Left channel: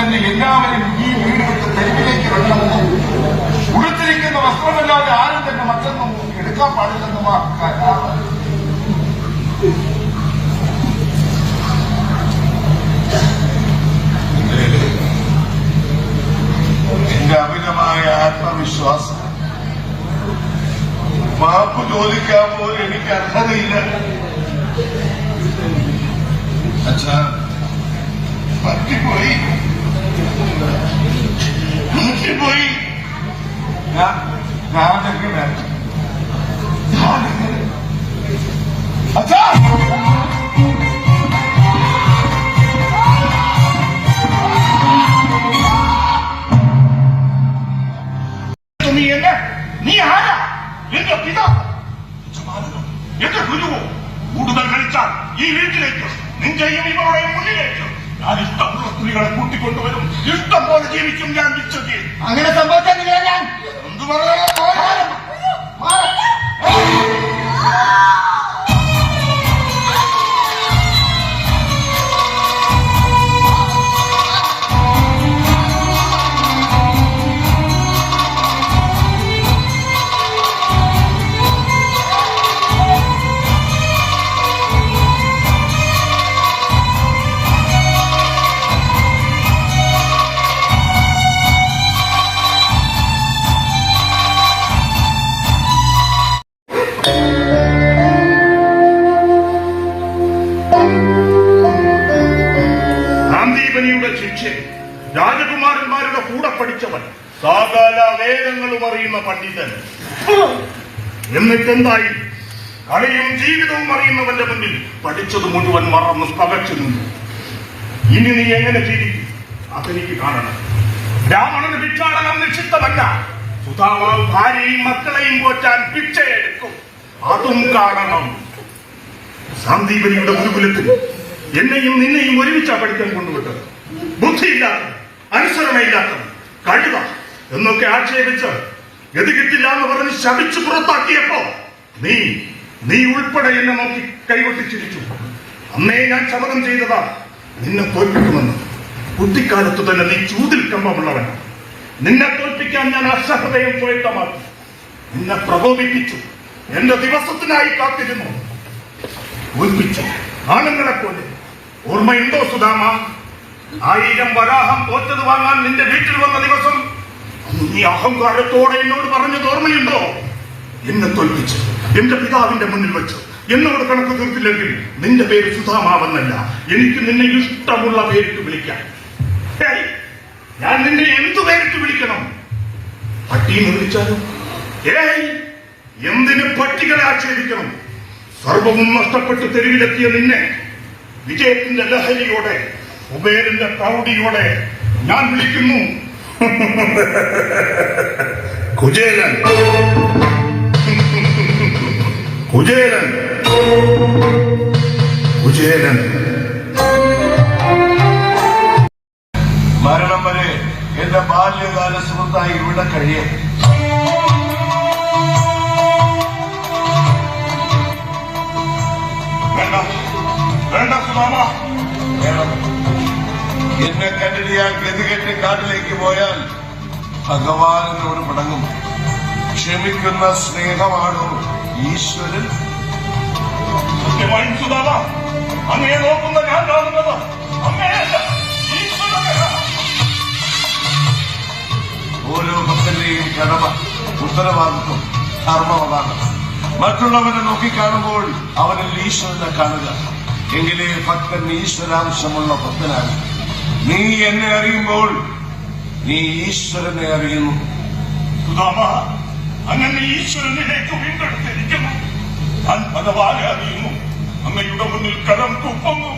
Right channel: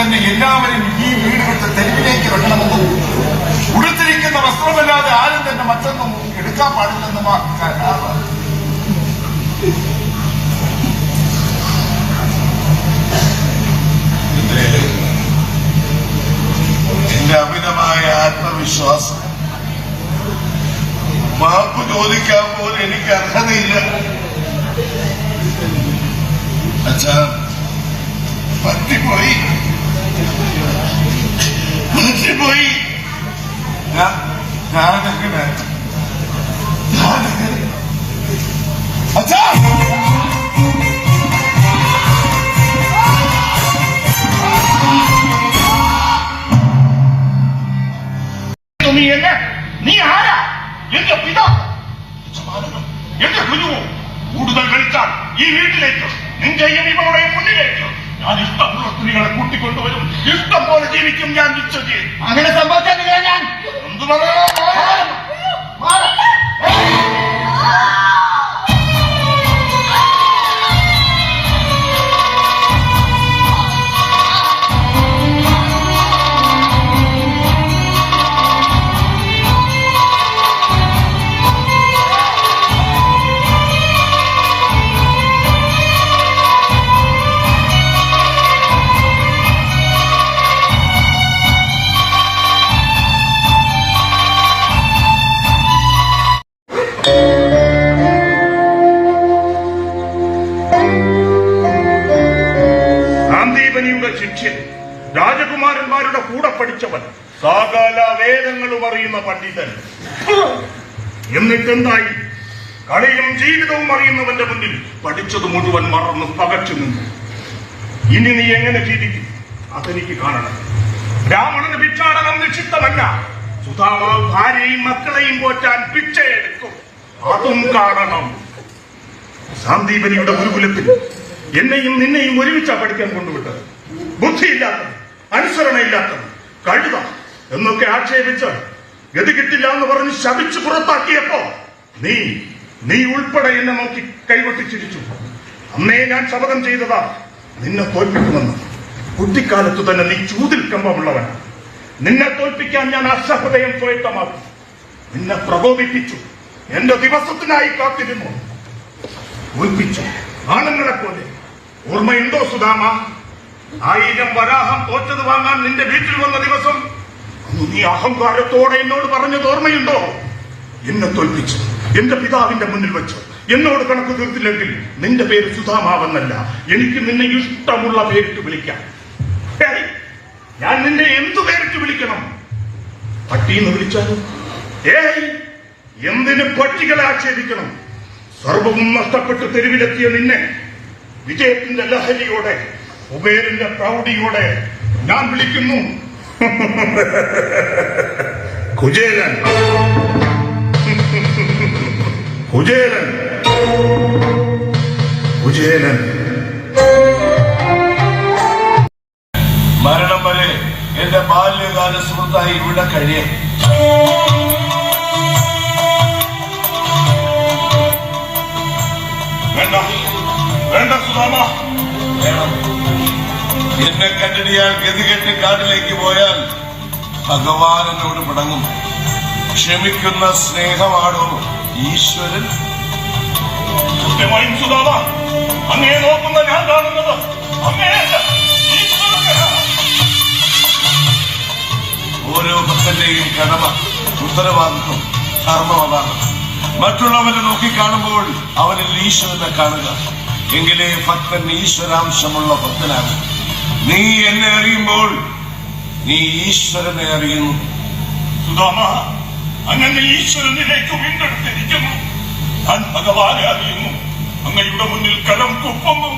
തന്നെ എല്ലാവരും ഈ വീട് തെരുവിലേക്ക് ഇറങ്ങണമെന്നും ഉടുത്തിരിക്കുന്ന വസ്ത്രമല്ലാതെ ആരും തന്നെ മറ്റൊന്നും എടുക്കാൻ പാടില്ലെന്നും അമിതമായ ആത്മവിശ്വാസം. മാപ്പ് ചോദിക്കാൻ പോലും എനിക്ക് അർഹതയില്ല. അച്ഛാ പറ്റിപ്പോയി. പറ്റിപ്പോയി ഞാൻ ഞാനൊക്കെ വേണ്ട ഞാനൊക്കെ അച്ഛാ നീ എന്നെ നീ ആരാ എന്റെ പിതാ സമാധാനം. എന്റെ ഗുരുവോ കൂടുതൽ കളിച്ചാൽ ഈ വീട്ടിലേക്ക് നിന്റെ ഇവരുടെ മുന്നിലേക്ക് ഞാൻ ഇഷ്ടമുള്ള നിങ്ങളെ കൂട്ടിക്കൊണ്ടുവരും. ഇഷ്ടം പോലെ ജീവിക്കും ഞാൻ നിശ്ചയിക്കും അങ്ങനെ സംഭവിക്കാൻ ഞാൻ. എന്ത് പറയണോ ശിഷ്യൻ രാജകുമാരന്മാരുടെ കൂടെ പഠിച്ചവൻ സകല വേദങ്ങളും അറിയുന്ന പണ്ഡിതൻ. എന്നിട്ടെന്തായി? കളിയും ജീവിതവും അറിയുന്നവന്റെ മുന്നിൽ പഠിച്ചത് മുഴുവൻ മറന്ന് പകച്ചു നിന്നു. ഇനി നീ എങ്ങനെ ജീവിക്കും? അതെനിക്ക് കാണണം. ബ്രാഹ്മണന് ഭിക്ഷാടനം നിക്ഷിപ്തമല്ല സുധാമാവ് ഭാര്യയും മക്കളെയും പോറ്റാൻ ഭിക്ഷയെടുക്കും. അതും കാണണം. സാന്ദീപനിയുടെ ഗുരുകുലത്തിൽ എന്നെയും നിന്നെയും ഒരുമിച്ചാ പഠിക്കാൻ കൊണ്ടുവിട്ടത്. ബുദ്ധിയില്ലാത്തത് അനുസരണയില്ലാത്തത്. കഴുത എന്നൊക്കെ ആക്ഷേപിച്ച് ഗതി കിട്ടില്ല എന്ന് പറഞ്ഞ് ശപിച്ചു പുറത്താക്കിയപ്പോ നീ നീ ഉൾപ്പെടെ എന്നെ നോക്കി കൈവട്ടിച്ചിരിച്ചു അമ്മേ ഞാൻ ശപഥം ചെയ്തതാ നിന്നെ തോൽപ്പിക്കുമെന്ന്. കുട്ടിക്കാലത്ത് തന്നെ നീ ചൂതിൽ കമ്പമുള്ളവനാണ് നിന്നെ തോൽപ്പിക്കാൻ ഞാൻ അസഹൃദയം പോയിട്ടമാക്കി നിന്നെ പ്രകോപിപ്പിച്ചു. എന്റെ ദിവസത്തിനായി കാത്തിരുന്നു. തോൽപ്പിച്ചു. ആണുങ്ങളെ പോലെ ഓർമ്മയുണ്ടോ സുധാമ? ആയിരം വരാഹം തോറ്റത് വാങ്ങാൻ നിന്റെ വീട്ടിൽ വന്ന ദിവസം നീ അഹങ്കാരത്തോടെ എന്നോട് പറഞ്ഞത് ഓർമ്മയുണ്ടോ? എന്നെ തോൽപ്പിച്ചു എന്റെ പിതാവിന്റെ മുന്നിൽ വെച്ചു എന്നോട് കണക്ക് തീർത്തില്ലെങ്കിൽ നിന്റെ പേര് സുധാമാവെന്നല്ല. എനിക്ക് നിന്നെ ഇഷ്ടമുള്ള പേരിട്ട് വിളിക്കാം ഞാൻ നിന്നെ എന്തു പേരിട്ട് വിളിക്കണം? പട്ടിയെന്ന് വിളിച്ചാലും? ഏയ് എന്തിന് പട്ടികളെ ആക്ഷേപിക്കണം? സർവവും നഷ്ടപ്പെട്ട് തെരുവിലെത്തിയ നിന്നെ വിജയത്തിന്റെ ലഹരിയോടെ കുബേരന്റെ പ്രൗഢിയോടെ ഞാൻ വിളിക്കുന്നു. കുചേരൻ കുചേരൻ കുചേരൻ മരണം വരെ എന്റെ ബാല്യകാല സുഹൃത്തായി ഇവിടെ കഴിയേ എന്നെ കണ്ടിടിയാൽ ഗതികെട്ട് കാട്ടിലേക്ക് പോയാൽ ഭഗവാനോട് മുടങ്ങും. ക്ഷമിക്കുന്ന സ്നേഹമാണോ ഈശ്വരൻ? അങ്ങനെ നോക്കുന്ന ഞാൻ കാണുന്നത്. ഓരോ ഭക്തന്റെയും കടമ ഉത്തരവാദിത്വം കർമ്മമതാണ്. മറ്റുള്ളവരെ നോക്കിക്കാണുമ്പോൾ അവരിൽ ഈശ്വരനെ കാണുക. എങ്കിലേ ഭക്തൻ ഈശ്വരാംശമുള്ള ഭക്തനാകും. നീ എന്നെ അറിയുമ്പോൾ നീ ഈശ്വരനെ അറിയുന്നു. അങ്ങനെ ഈശ്വരനിലേക്ക് വീണ്ടെടുത്തിരിക്കുന്നു ഞാൻ ഭഗവാനെ അറിയുന്നു. അങ്ങയുടെ മുന്നിൽ കരം കുപ്പുന്നു